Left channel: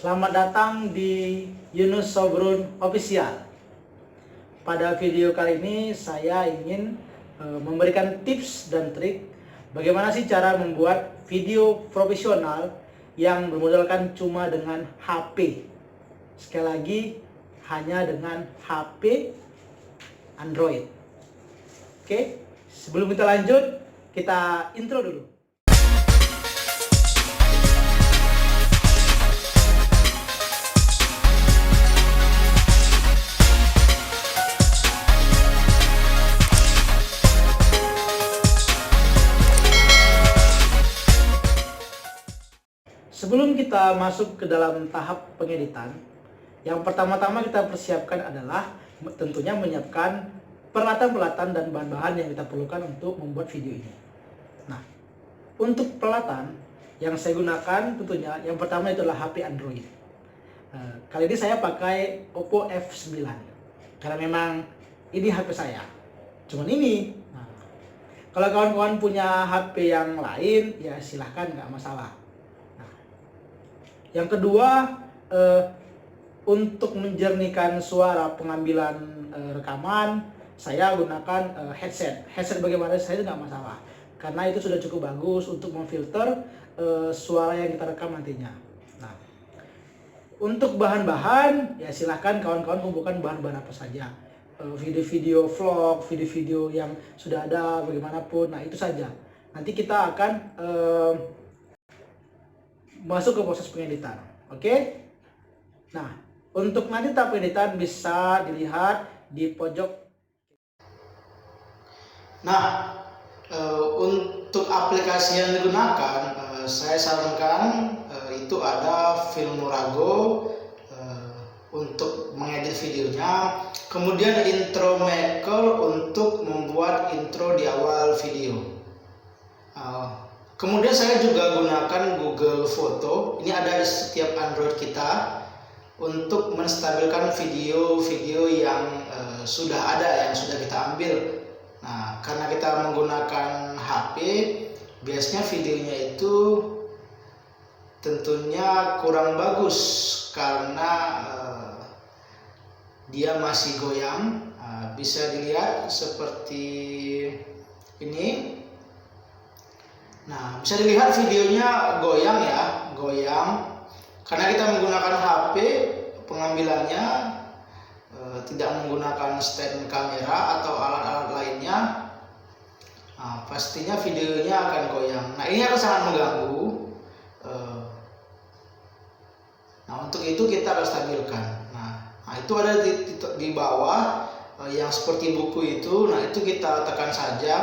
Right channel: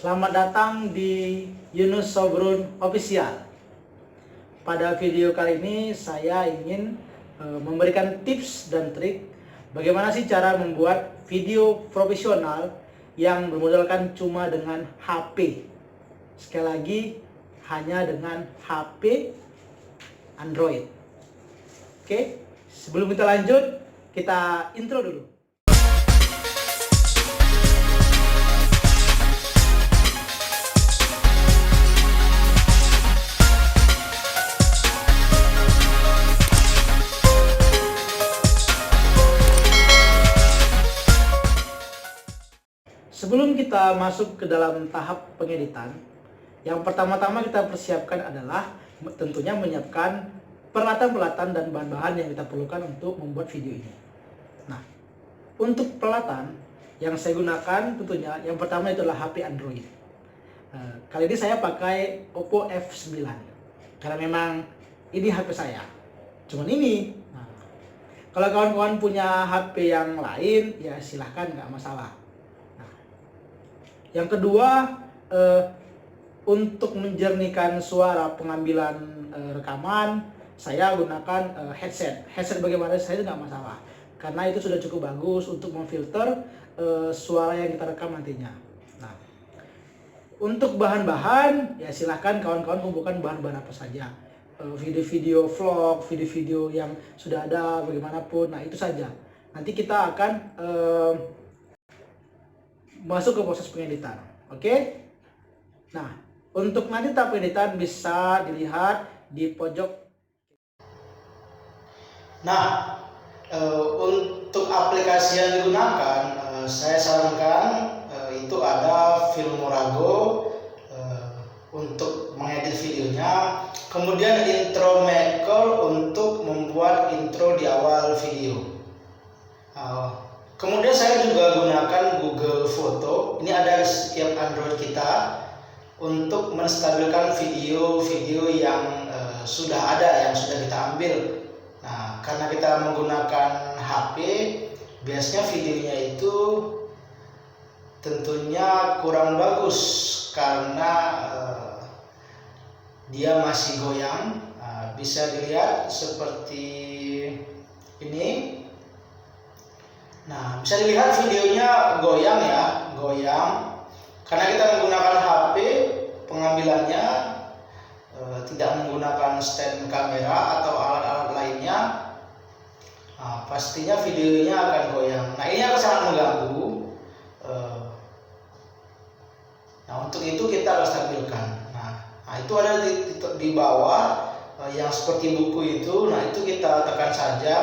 Selamat datang di Yunus Sobrun Official. Pada video kali ini saya ingin memberikan tips dan trik bagaimana sih cara membuat video profesional yang bermodalkan cuma dengan HP. Sekali lagi, hanya dengan HP Android. Oke, sebelum kita lanjut, kita intro dulu. Sebelum kita masuk ke dalam tahap pengeditan, yang pertama-tama kita persiapkan adalah tentunya menyiapkan peralatan-peralatan dan bahan-bahan yang kita perlukan untuk membuat video ini. Nah, untuk peralatan yang saya gunakan tentunya yang pertama itu adalah HP Android. Kali ini saya pakai Oppo F9 karena memang ini HP saya. Cuman ini. Nah, kalau kawan-kawan punya HP yang lain ya silahkan, nggak masalah. Yang kedua, untuk menjernihkan suara pengambilan rekaman, saya gunakan headset. Headset bagaimana saya itu nggak masalah, karena itu sudah cukup bagus untuk memfilter suara yang kita rekam nantinya. Nah, untuk bahan-bahan, ya silahkan kawan-kawan kumpulkan bahan-bahan apa saja. Video-video vlog, video-video yang sudah ada bagaimanapun, nah itu saja. Nanti kita akan masuk ke proses pengeditan. Oke? Nah, untuk nanti tahap pengeditan bisa dilihat di pojok. Nah, untuk aplikasi yang digunakan, saya sarankan itu ada Filmora untuk mengedit videonya, kemudian Intro Maker untuk membuat intro di awal video. Kemudian saya juga gunakan Google Foto. Ini ada di setiap Android kita untuk menstabilkan video-video yang sudah ada, yang sudah kita ambil. Nah, karena kita menggunakan HP, biasanya videonya itu tentunya kurang bagus karena dia masih goyang. Bisa dilihat seperti ini. Nah, bisa dilihat videonya goyang ya, goyang. Karena kita menggunakan HP, pengambilannya tidak menggunakan stand kamera atau alat-alat lainnya. Nah, pastinya videonya akan goyang. Nah, ini akan sangat mengganggu. Nah, untuk itu kita harus stabilkan. Nah itu ada di bawah yang seperti buku itu. Nah, itu kita tekan saja.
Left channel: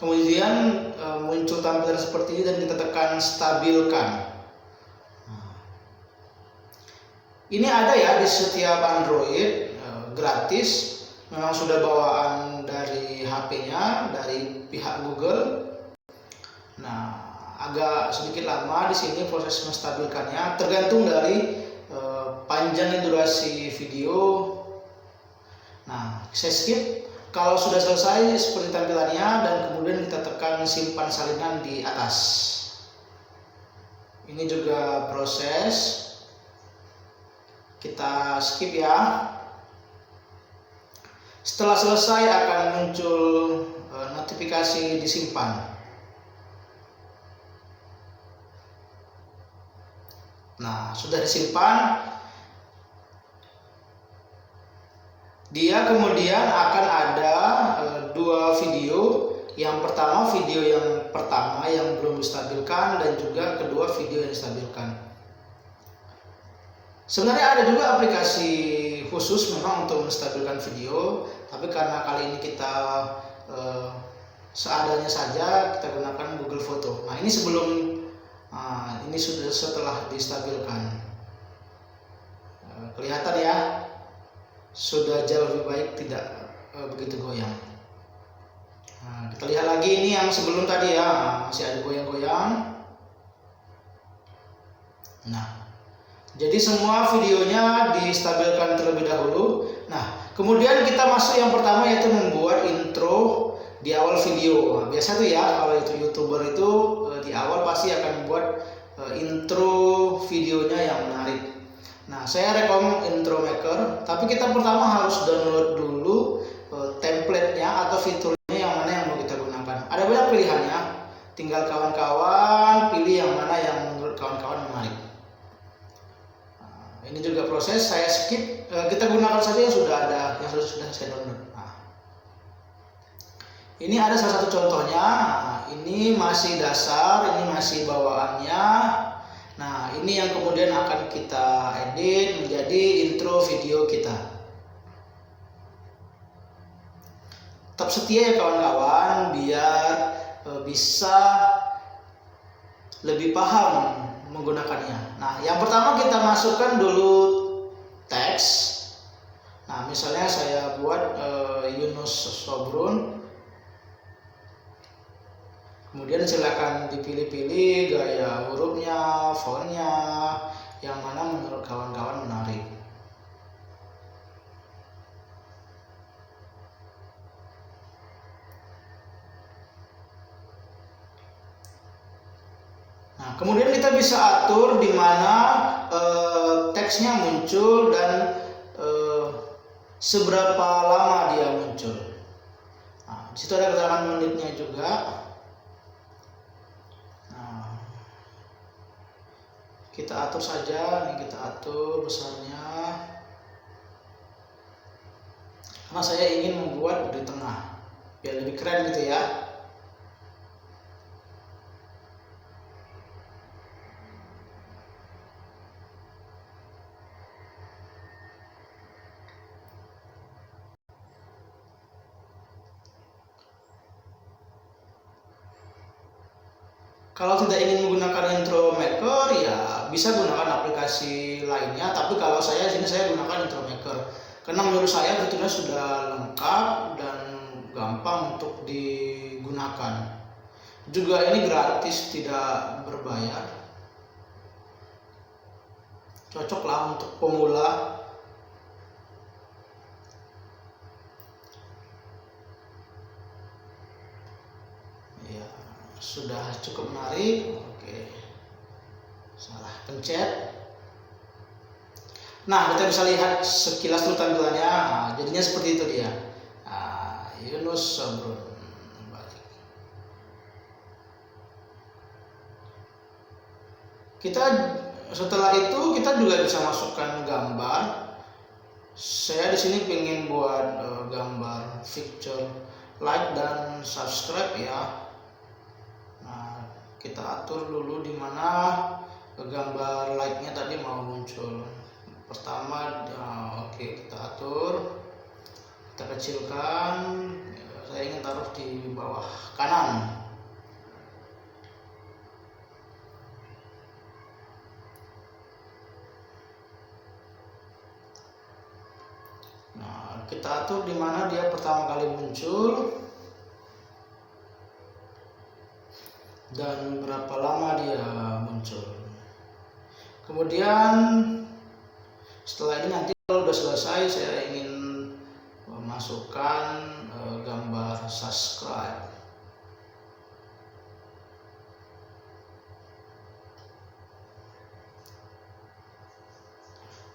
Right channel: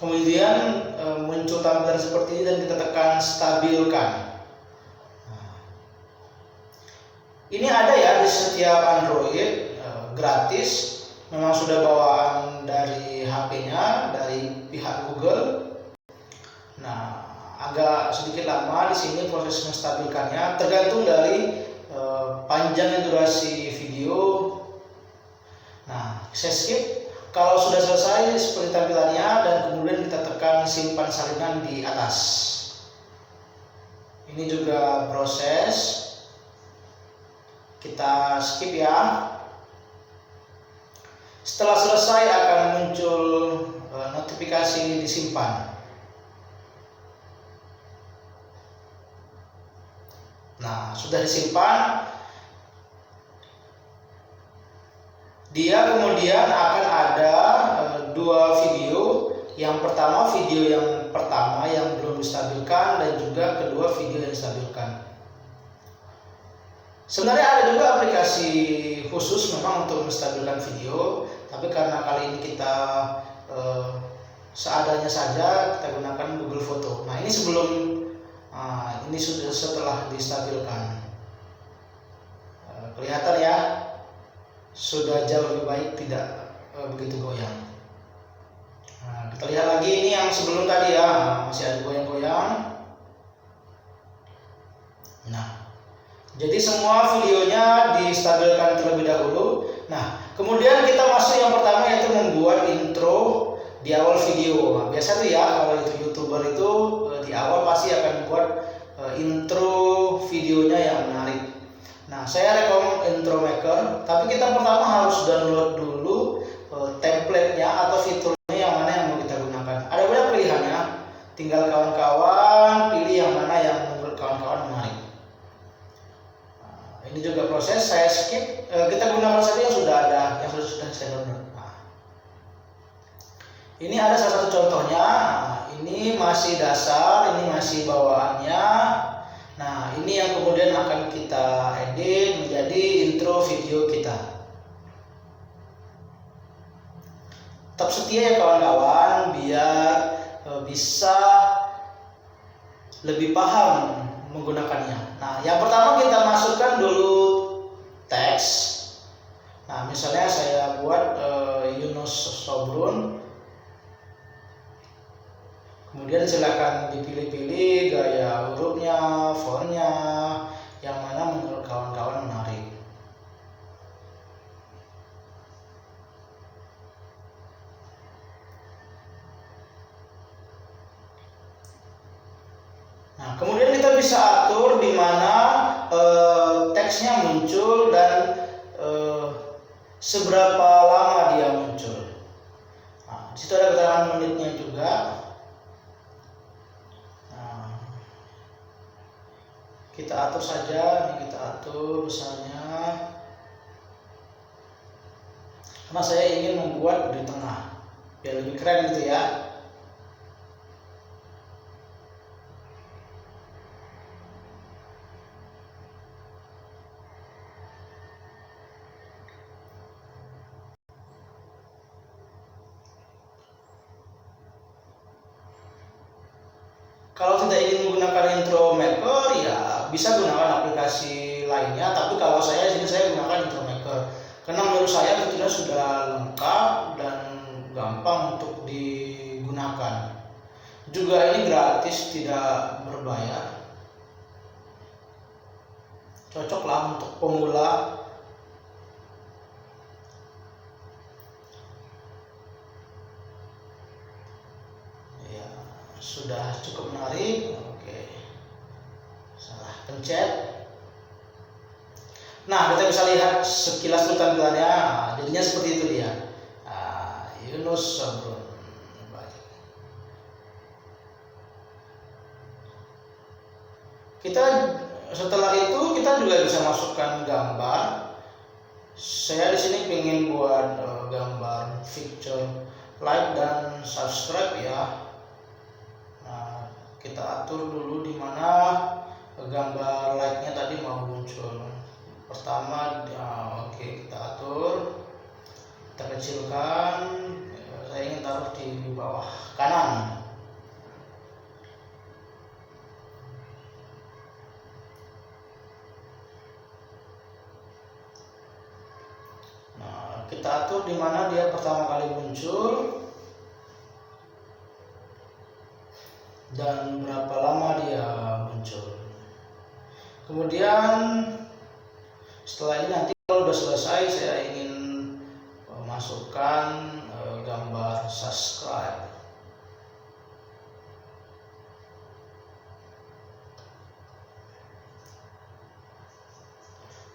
Kemudian muncul tampilan seperti ini dan kita tekan stabilkan. Ini ada ya di setiap Android, gratis. Memang sudah bawaan dari HP-nya, dari pihak Google. Nah, agak sedikit lama di sini proses menstabilkannya, tergantung dari panjangnya durasi video. Nah, saya skip. Kalau sudah selesai seperti tampilannya dan kemudian kita tekan simpan salinan di atas. Ini juga proses. Kita skip ya. Setelah selesai akan muncul notifikasi disimpan. Nah, sudah disimpan. Dia kemudian akan ada dua video. Yang pertama video yang pertama yang belum distabilkan, dan juga kedua video yang distabilkan. Sebenarnya ada juga aplikasi khusus memang untuk menstabilkan video, tapi karena kali ini kita seadanya saja, kita gunakan Google Foto. Nah, ini ini sudah setelah distabilkan. Kelihatan ya, sudah jauh lebih baik, tidak begitu goyang. Nah, kita lihat lagi ini yang sebelum tadi ya, masih ada goyang-goyang. Nah, jadi semua videonya distabilkan terlebih dahulu. Nah, kemudian kita masuk yang pertama, yaitu membuat intro di awal video. Nah, biasa tuh ya, kalau itu YouTuber itu di awal pasti akan buat intro videonya yang menarik. Nah, saya rekom Intro Maker, tapi kita pertama harus download dulu template-nya atau fiturnya yang mana yang mau kita gunakan. Ada banyak pilihannya, tinggal kawan-kawan pilih yang mana yang menurut kawan-kawan menarik. Nah, ini juga proses, saya skip, kita gunakan saja yang sudah ada, yang sudah saya download. Nah, ini ada salah satu contohnya. Nah, ini masih dasar, ini masih bawaannya. Nah, ini yang kemudian akan kita edit menjadi intro video kita. Tetap setia ya kawan-kawan, biar bisa lebih paham menggunakannya. Nah, yang pertama kita masukkan dulu teks. Nah, misalnya saya buat Yunus Sobrun. Kemudian silakan dipilih-pilih gaya hurufnya, fontnya, yang mana menurut kawan-kawan menarik. Nah, kemudian kita bisa atur di mana teksnya muncul dan seberapa lama dia muncul. Nah, di situ ada keterangan menitnya juga. Kita atur saja, ini kita atur besarnya, karena saya ingin membuat di tengah biar lebih keren gitu ya. Kalau tidak ingin menggunakan Intro Maker, ya bisa gunakan aplikasi lainnya. Tapi kalau saya sini saya gunakan Intro Maker karena menurut saya fiturnya sudah lengkap dan gampang untuk digunakan. Juga ini gratis, tidak berbayar. Cocoklah untuk pemula. Sudah cukup menarik. Oke, salah pencet. Nah, kita bisa lihat sekilas dulu tampilannya. Jadinya seperti itu dia. Yunus Sobrun. Kita setelah itu kita juga bisa masukkan gambar. Saya di sini pengen buat gambar picture, like dan subscribe ya. Kita atur dulu di mana gambar like-nya tadi mau muncul. Pertama, oke, kita atur, kita kecilkan. Saya ingin taruh di bawah kanan. Nah, kita atur di mana dia pertama kali muncul dan berapa lama dia muncul. Kemudian setelah ini nanti kalau sudah selesai saya ingin masukkan gambar subscribe.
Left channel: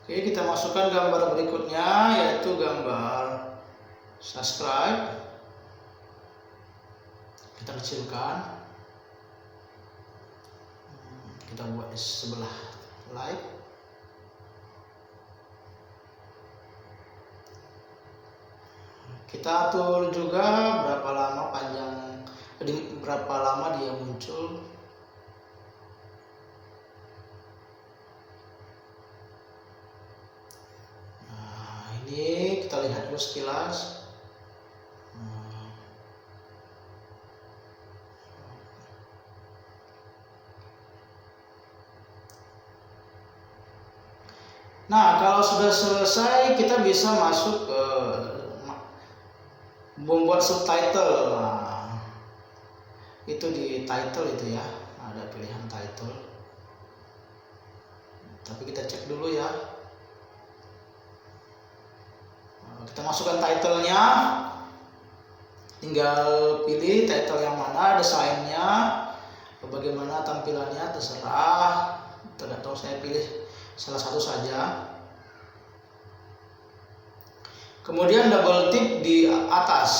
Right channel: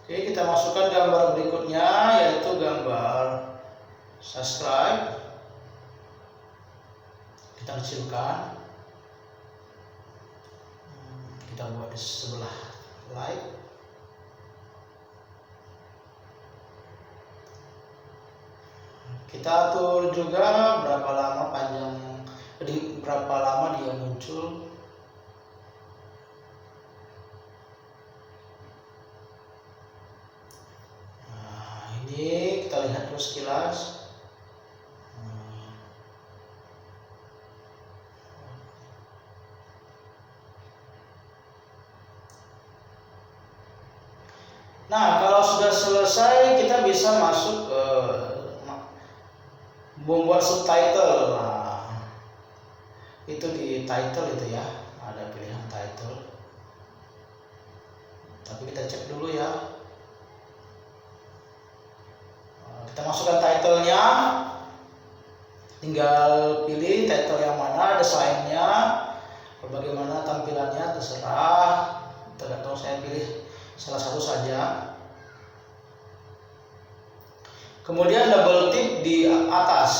Oke, kita masukkan gambar berikutnya yaitu gambar subscribe. Kita kecilkan. Kita buat di sebelah like. Kita atur juga berapa lama berapa lama dia muncul. Nah, ini kita lihat dulu sekilas. Nah, kalau sudah selesai kita bisa masuk ke membuat subtitle. Nah, itu di title itu ya, ada pilihan title. Tapi kita cek dulu ya. Kita masukkan titlenya, tinggal pilih title yang mana, desainnya, bagaimana tampilannya terserah. Tergantung saya pilih salah satu saja. Kemudian double tip di atas,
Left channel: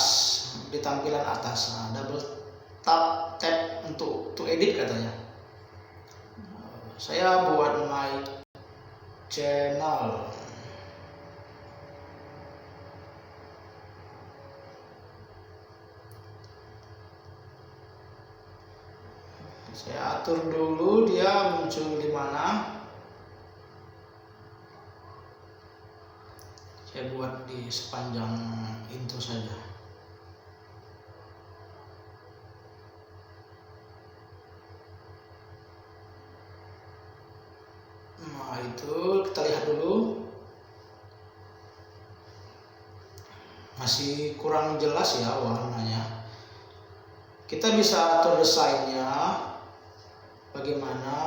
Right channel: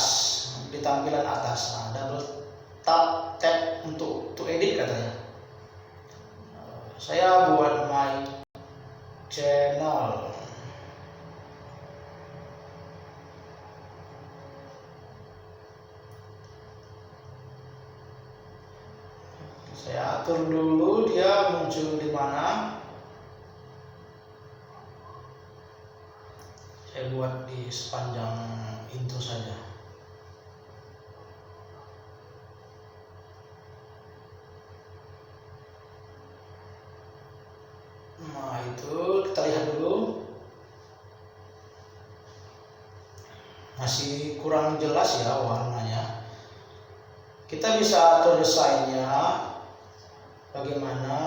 di tampilan atas. Nah, double tap untuk edit katanya. Saya buat my channel. Saya atur dulu dia muncul di mana. Saya buat di sepanjang intro saja. Nah, itu kita lihat dulu. Masih kurang jelas ya warnanya. Kita bisa atur desainnya. Bagaimana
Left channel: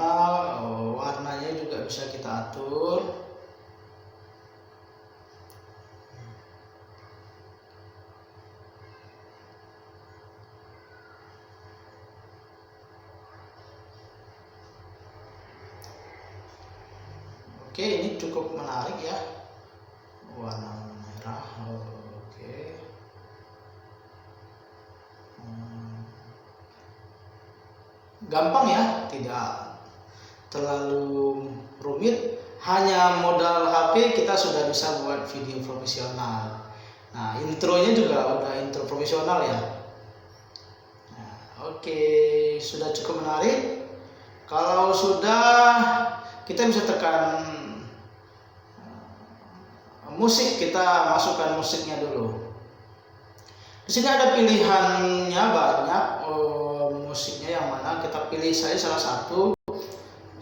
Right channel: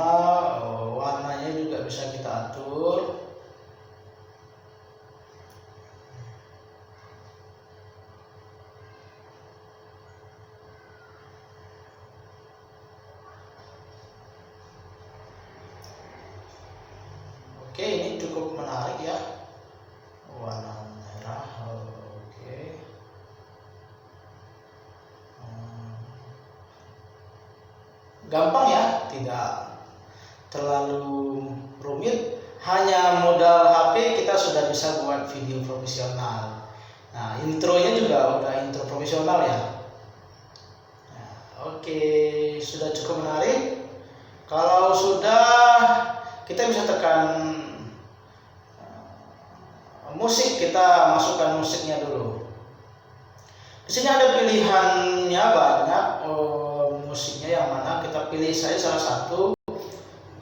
warnanya juga bisa kita atur. Oke, ini cukup menarik ya, warna merah. Oke. Gampang ya, tidak terlalu rumit. Hanya modal HP kita sudah bisa buat video profesional. Nah, intronya juga udah intro profesional ya. Nah, oke, sudah cukup menarik. Kalau sudah, kita bisa tekan musik, kita masukkan musiknya dulu. Di sini ada pilihannya banyak, musiknya yang mana kita pilih. Saya salah satu.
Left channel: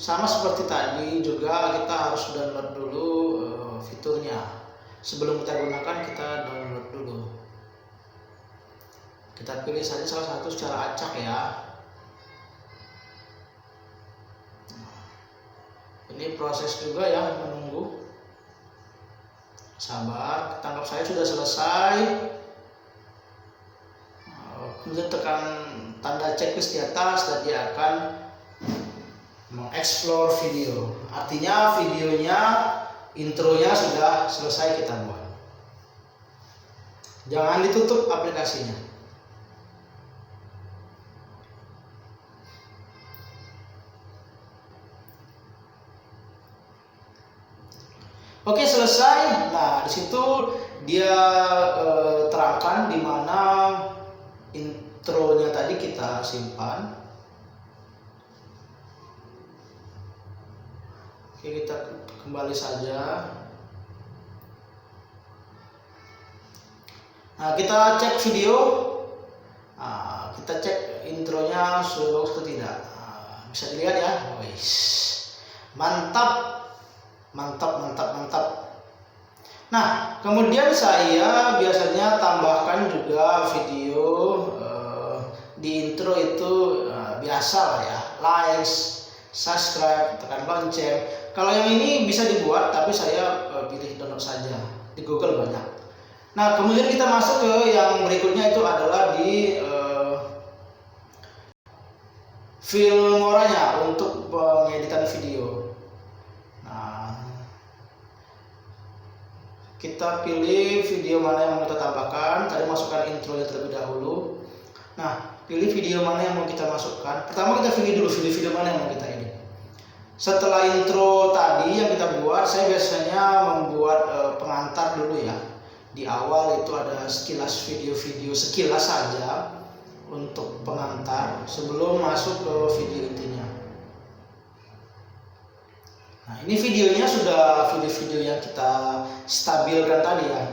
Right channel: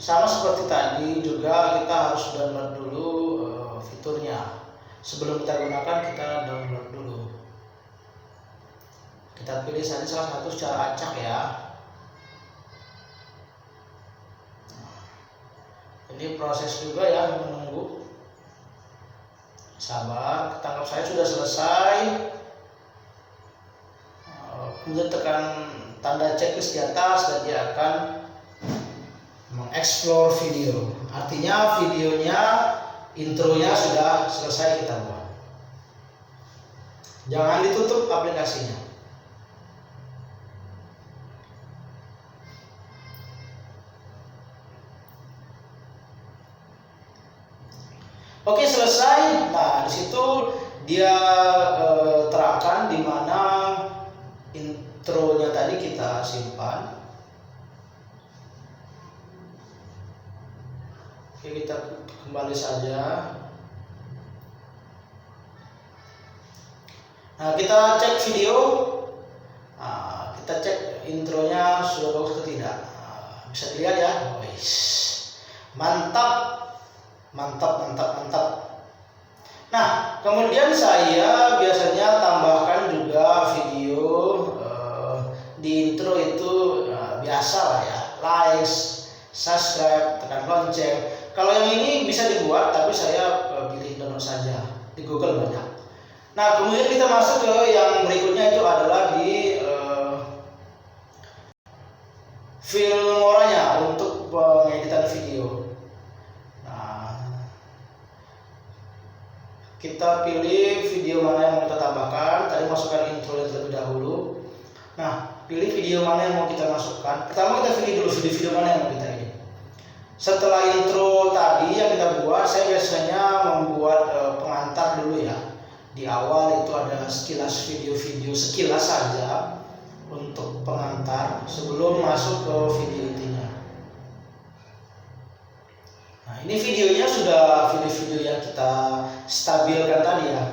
Sama seperti tadi juga kita harus download dulu fiturnya. Sebelum kita gunakan, kita download dulu. Kita pilih saja salah satu secara acak ya. Ini proses juga ya, menunggu. Sabar, kita anggap saya sudah selesai. Kemudian tekan tanda checklist di atas dan dia akan mengeksplor video. Artinya videonya, intronya sudah selesai kita buat. Jangan ditutup aplikasinya. Oke, selesai. Nah, di situ dia terangkan di mana intronya tadi kita simpan. Oke, kita kembali saja. Nah, kita cek video. Nah, kita cek intronya sudah bagus atau tidak. Nah, bisa dilihat ya. Wih, mantap, mantap, mantap, mantap. Nah, kemudian saya biasanya tambahkan juga video di intro itu biasa lah ya, like, subscribe, tekan lonceng. Kalau yang ini bisa dibuat, tapi saya pilih download saja. Di Google banyak. Nah, kemudian kita masuk ke yang berikutnya, itu adalah di Filmoranya untuk pengeditan video. Nah, kita pilih video mana yang mau kita tambahkan. Tadi masukkan intro terlebih dahulu. Nah, pilih video mana yang mau kita masukkan. Pertama kita pilih dulu video-video mana yang mau kita edit. Setelah intro tadi yang kita buat, saya biasanya membuat pengantar dulu ya. Di awal itu ada sekilas video-video, sekilas saja untuk pengantar sebelum masuk ke video intinya. Nah, ini videonya sudah video-video yang kita stabilkan tadi ya.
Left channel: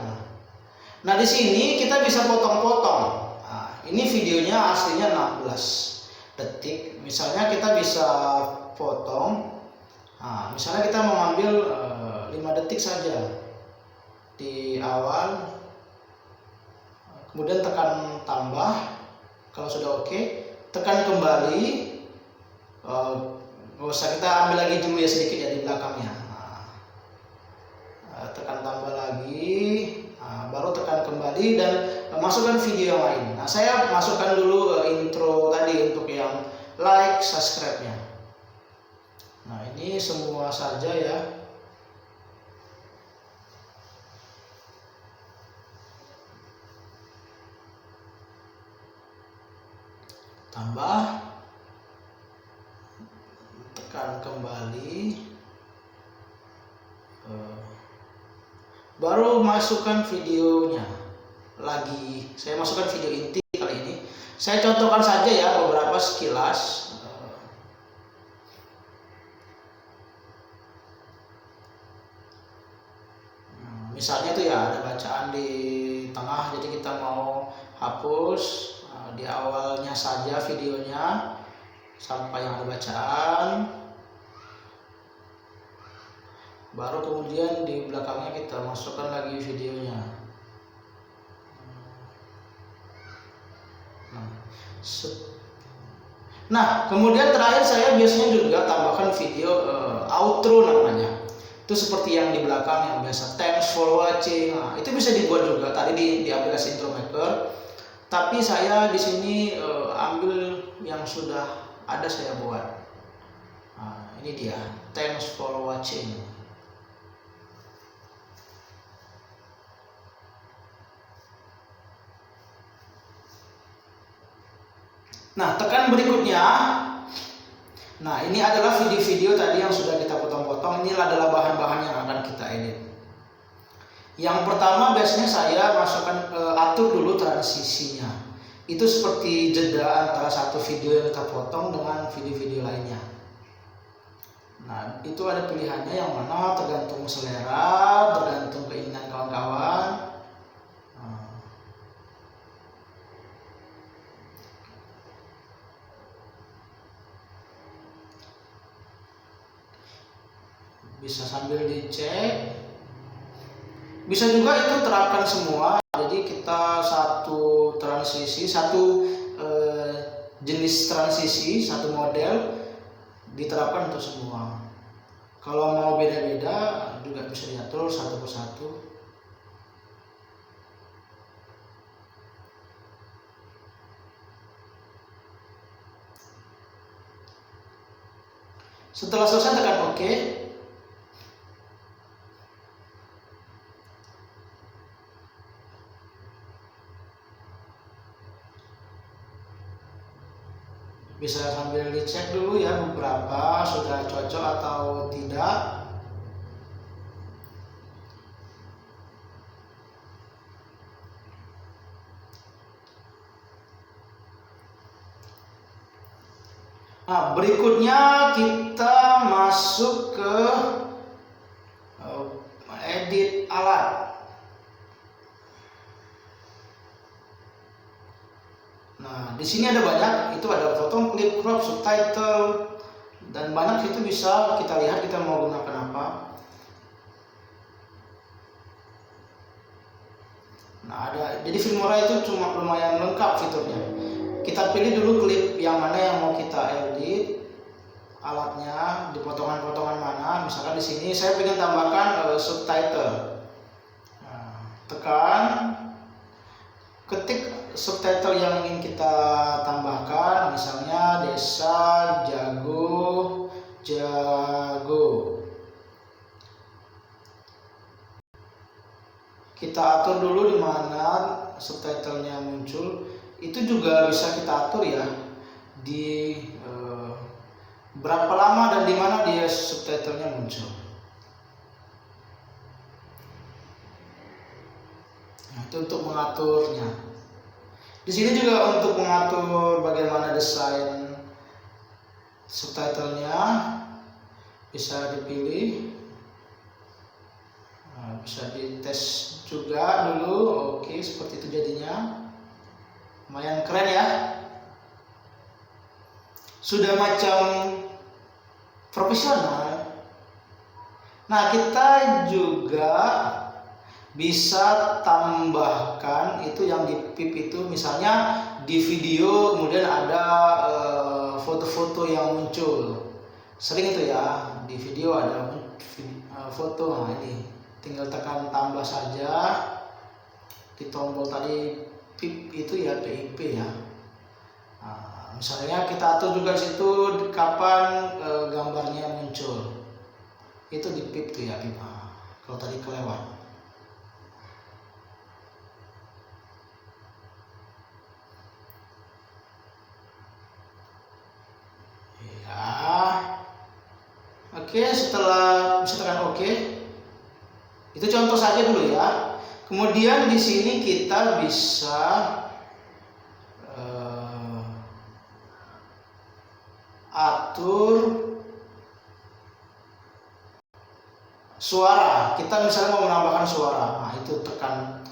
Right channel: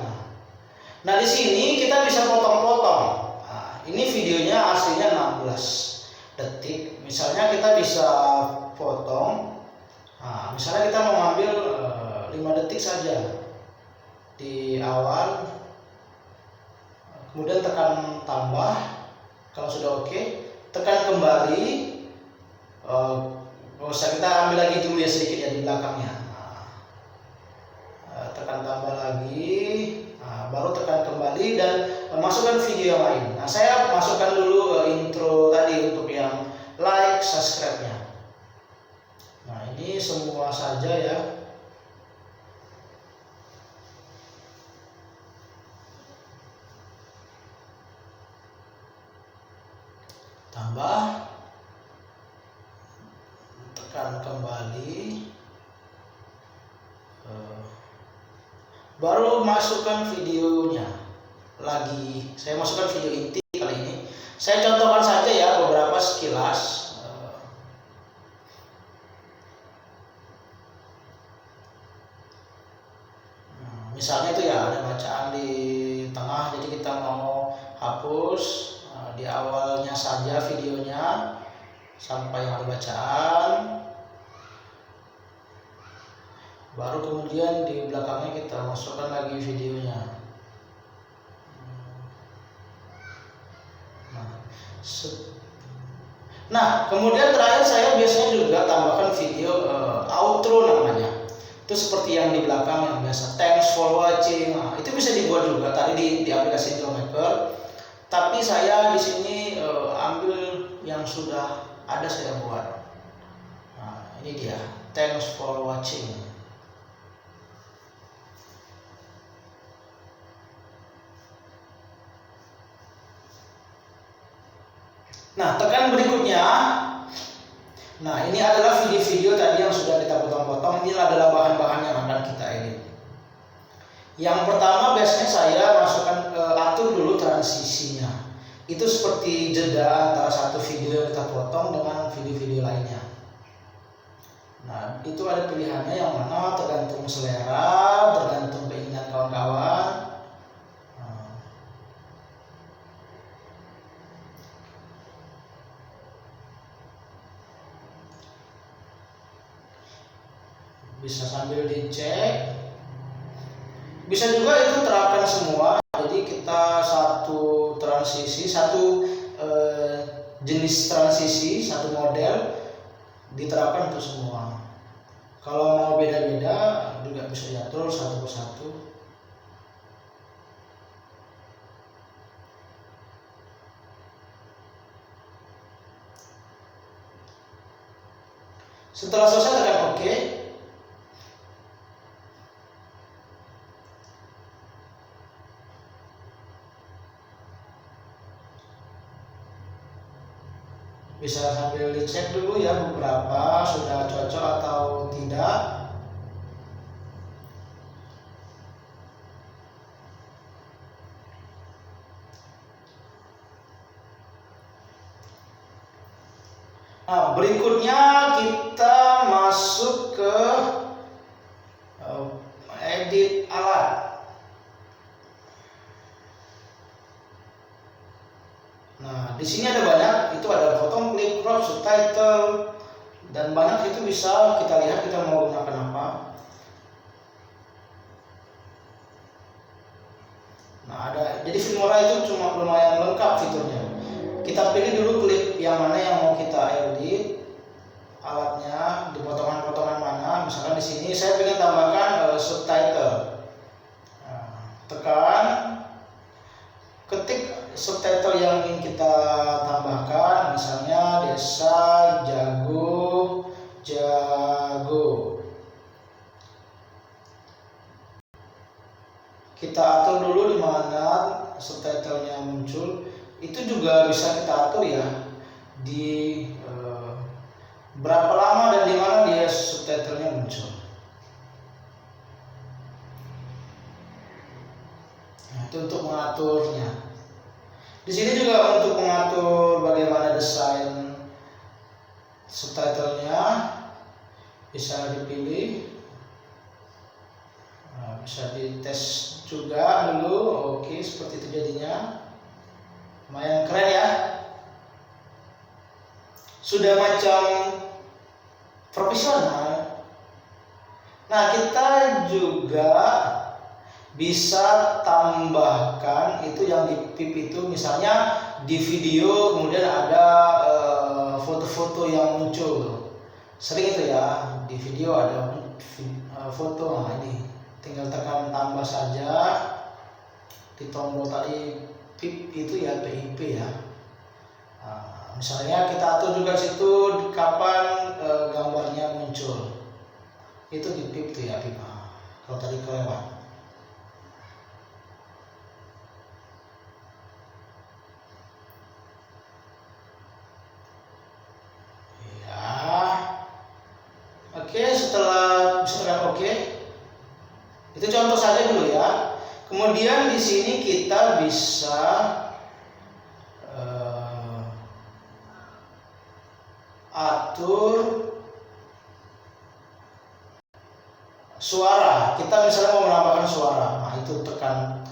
Nah, di sini kita bisa potong-potong. Nah, ini videonya aslinya 16 detik. Misalnya kita bisa potong. Nah, misalnya kita mau ambil 5 detik saja di awal, kemudian tekan tambah. Kalau sudah oke, tekan kembali. Nggak usah, kita ambil lagi dulu ya sedikit ya di belakangnya. Tekan tambah lagi, baru tekan kembali dan masukkan video yang lain. Nah, saya masukkan dulu intro tadi untuk yang like, subscribe-nya. Nah, ini semua saja ya. tambah, tekan kembali, baru masukkan videonya lagi. Saya masukkan video inti kali ini. Saya contohkan saja ya beberapa sekilas. Misalnya itu ya ada bacaan di tengah, jadi kita mau hapus di awalnya saja videonya sampai yang ada bacaan, baru kemudian di belakangnya kita masukkan lagi videonya. Nah, kemudian terakhir saya biasanya juga tambahkan video outro namanya. Itu seperti yang di belakang yang biasa, thanks for watching. Nah, itu bisa dibuat juga tadi di aplikasi Drawmaker. Tapi saya di sini ambil yang sudah ada saya buat. Nah, ini dia, thanks for watching. Nah, tekan berikutnya. Nah, ini adalah video-video tadi yang sudah kita potong-potong. Ini adalah bahan-bahan yang akan kita edit. Yang pertama biasanya saya masukkan atur dulu transisinya. Itu seperti jeda antara satu video yang kita potong dengan video-video lainnya. Nah, itu ada pilihannya yang mana tergantung selera, tergantung keinginan kawan-kawan. Bisa sambil dicek, bisa juga itu terapkan semua. Jadi kita satu transisi, satu jenis transisi, satu model diterapkan untuk semua. Kalau mau beda-beda juga bisa diatur satu persatu. Setelah selesai tekan OK. Bisa sambil dicek dulu ya beberapa sudah cocok atau tidak. Nah, berikutnya kita masuk ke edit alat. Nah, di sini ada banyak, itu ada foto, clip, crop, subtitle, dan banyak itu bisa kita lihat kita mau gunakan apa. Nah, ada, jadi Filmora itu cuma lumayan lengkap fiturnya. Kita pilih dulu klip yang mana yang mau kita edit, alatnya di potongan-potongan mana. Misalkan di sini saya ingin tambahkan subtitle. Nah, tekan, ketik subtitle yang ingin kita tambahkan, misalnya Desa Jago Jago. Kita atur dulu di mana subtitlenya muncul. Itu juga bisa kita atur ya di berapa lama dan di mana dia subtitlenya muncul. Nah, itu untuk mengaturnya. Di sini juga untuk mengatur bagaimana desain subtitlenya bisa dipilih. Nah, bisa dites juga dulu. Oke, seperti itu jadinya. Lumayan keren ya. Sudah macam profesional. Nah, kita juga bisa tambahkan itu yang di PIP itu, misalnya di video kemudian ada foto-foto yang muncul. Sering itu ya, di video ada foto. Nah, ini tinggal tekan tambah saja di tombol tadi PIP itu ya, PIP ya. Nah, misalnya kita atur juga situ kapan gambarnya muncul. Itu di PIP tuh ya, PIP. Nah, kalau tadi kelewat. Oke, setelah bisa tekan oke. Itu contoh saja dulu ya. Kemudian di sini kita bisa atur suara. Kita misalnya mau menambahkan suara. Nah, itu tekan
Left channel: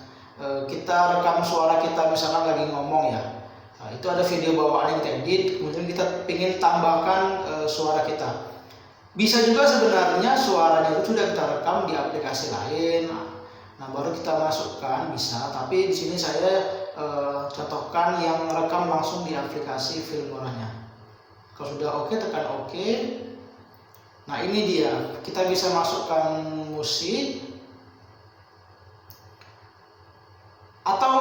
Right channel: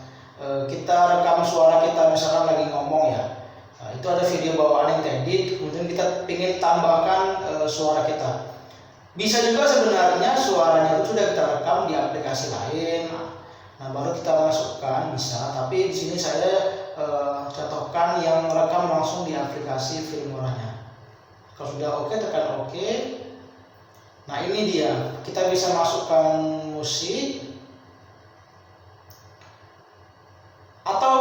kita rekam suara kita misalkan lagi ngomong ya. Nah, itu ada video bawaan yang kita edit, kemudian kita ingin tambahkan suara kita. Bisa juga sebenarnya suaranya itu sudah kita rekam di aplikasi lain. Nah, baru kita masukkan bisa, tapi di sini saya contohkan yang rekam langsung di aplikasi Filmora-nya. Kalau sudah oke, tekan oke. Nah, ini dia. Kita bisa masukkan musik atau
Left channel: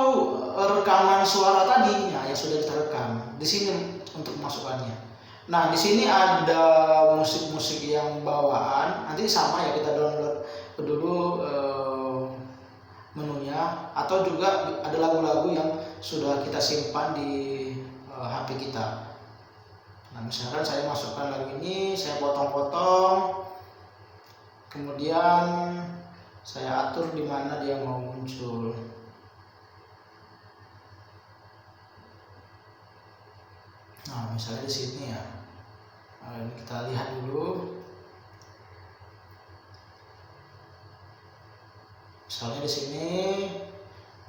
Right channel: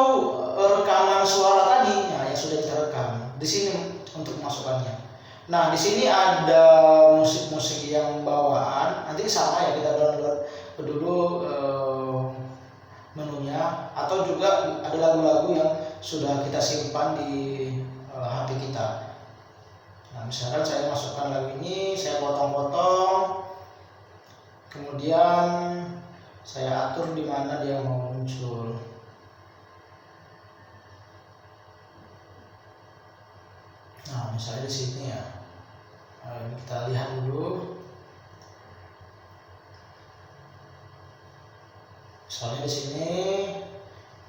rekaman suara tadi ya, yang sudah kita rekam. Di sini untuk masukkannya. Nah, di sini ada musik-musik yang bawaan. Nanti sama ya, kita download dulu menunya, atau juga ada lagu-lagu yang sudah kita simpan di HP kita. Nah, misalkan saya masukkan lagu ini, saya potong-potong, kemudian saya atur di mana dia mau muncul. Nah, misalnya di sini ya. Nah, ini kita lihat dulu. Misalnya di sini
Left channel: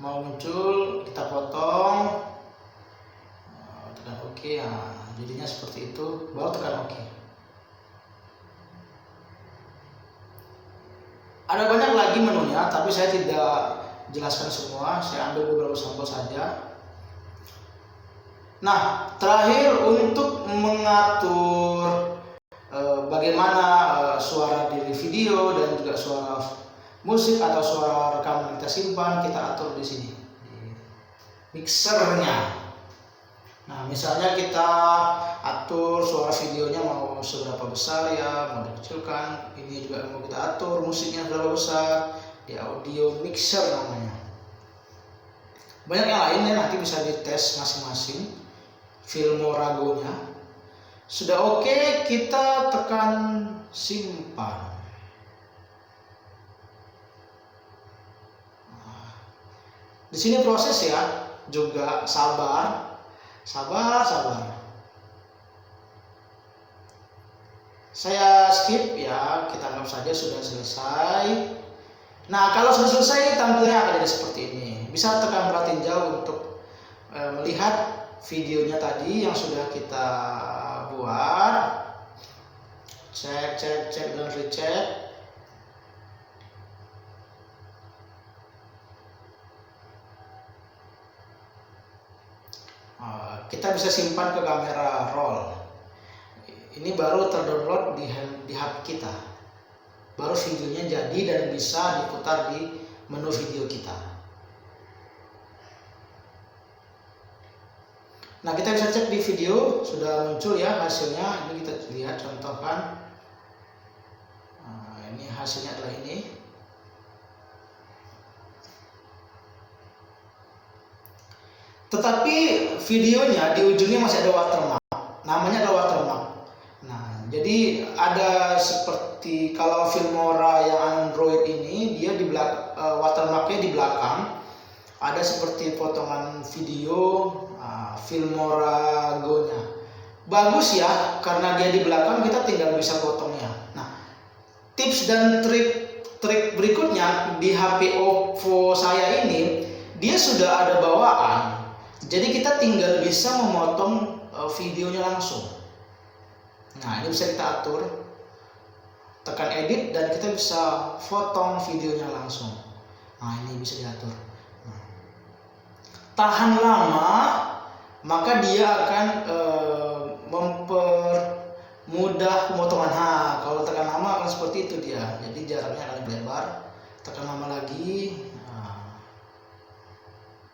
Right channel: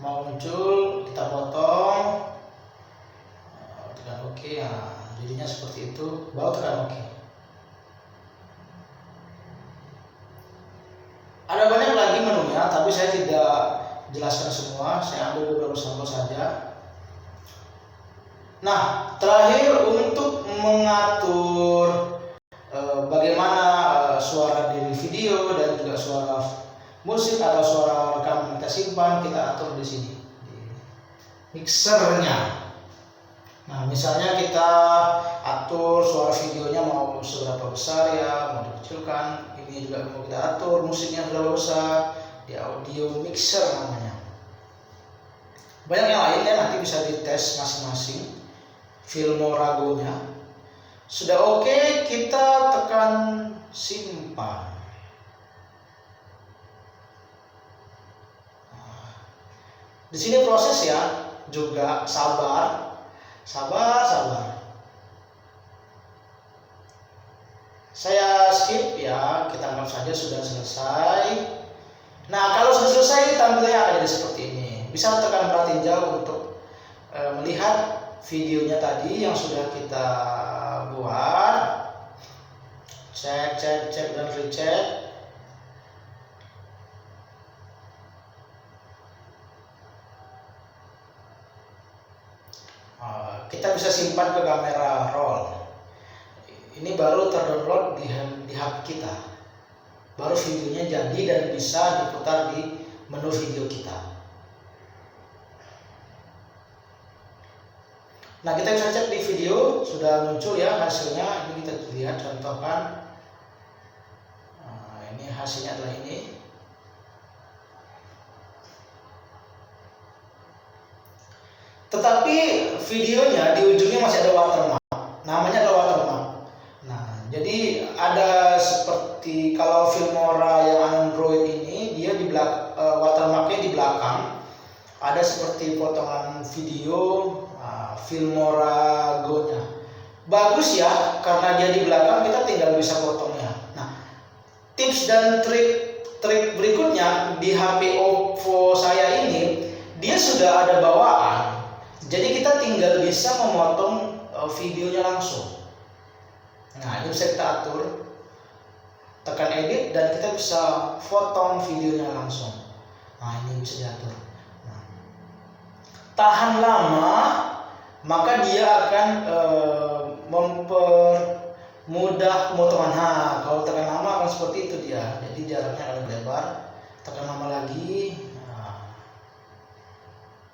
mau muncul, kita potong, tekan oke. Nah, jadinya seperti itu. Baru tekan oke. Ada banyak lagi menunya, tapi saya tidak jelaskan semua. Saya ambil beberapa sampel saja. Nah, terakhir untuk mengatur bagaimana suara di video dan juga suara musik atau suara rekaman kita simpan, kita atur di sini di mixernya. Nah, misalnya kita atur suara videonya mau seberapa besar ya, mau dikecilkan. Ini juga mau kita atur musiknya seberapa besar, di audio mixer namanya. Banyak yang lainnya, nanti bisa dites masing-masing. Filmora-nya sudah oke, kita tekan simpan. Di sini proses ya, juga sabar. Saya skip ya, kita anggap saja sudah selesai. Nah, kalau sudah selesai tampilnya akan jadi seperti ini. Bisa tekan tinjau untuk melihat videonya tadi yang sudah kita buat. Cek dan recheck. Kita bisa simpan ke kamera roll. Ini baru terdownload di HP kita. Baru videonya jadi dan bisa diputar di menu video kita. Nah, kita bisa cek di video, sudah muncul ya hasilnya. Ini kita lihat contohkan. Nah, ini hasilnya adalah ini. Tetapi videonya di ujungnya masih ada watermark. Namanya adalah watermark. Nah, jadi ada seperti kalau Filmora yang Android ini, dia di watermarknya di belakang. Ada seperti potongan video Filmora Go-nya. Bagus ya, karena dia di belakang, kita tinggal bisa potongnya. Nah, tips dan trik berikutnya di HP Oppo saya ini, dia sudah ada bawaan. Jadi kita tinggal bisa memotong videonya langsung. Nah, ini bisa kita atur. Tekan edit dan kita bisa potong videonya langsung. Nah, ini bisa diatur. Nah, tahan lama, maka dia akan mempermudah pemotongan. Nah, kalau tekan lama akan seperti itu dia. Jadi jaraknya akan lebar. Tekan lama lagi.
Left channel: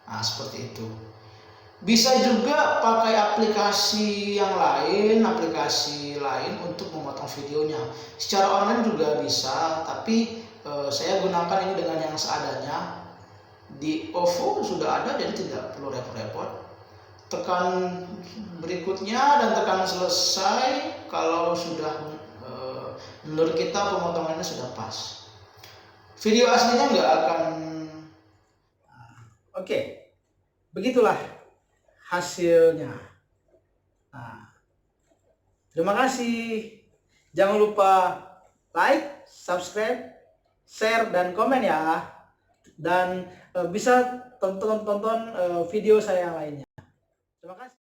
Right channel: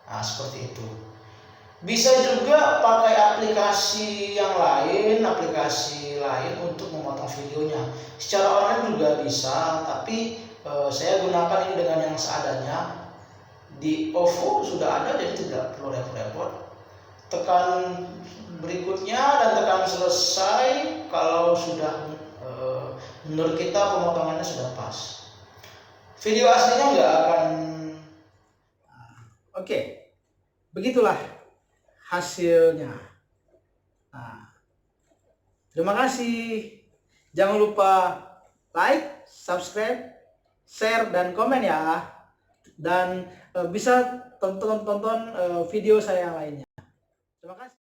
Nah, seperti itu. Bisa juga pakai aplikasi lain untuk memotong videonya. Secara online juga bisa, tapi saya gunakan ini dengan yang seadanya. Di OVO sudah ada, jadi tidak perlu repot-repot. Tekan berikutnya dan tekan selesai kalau sudah menurut kita pemotongannya sudah pas. Video aslinya nggak akan. Oke, begitulah hasilnya. Nah, terima kasih. Jangan lupa like, subscribe, share, dan komen ya. Dan bisa tonton video saya yang lainnya. Terima kasih.